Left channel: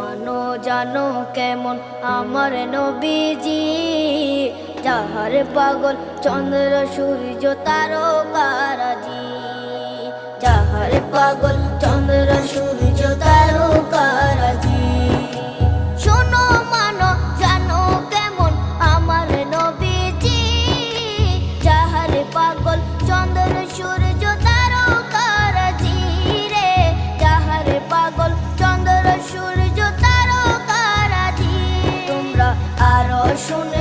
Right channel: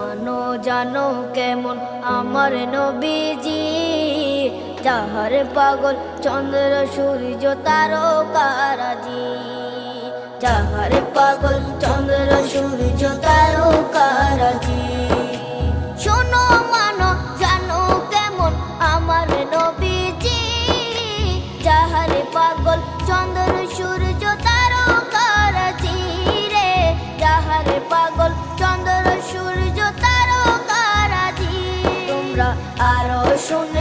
মানো জানো কেমন আমার নবীজি, যাহার পাগল চন্দ্র সূর্য তারকারাজি, যাহার পাগল চন্দ্র সূর্য তারকারাজি। শোনো মানো জানো কেমন আমার নবীজি, যাহার পাগল চন্দ্র সূর্য তারকারাজি রে, যাহার পাগল চন্দ্র সূর্য তারকারাজি। তোমরা আরো শুনে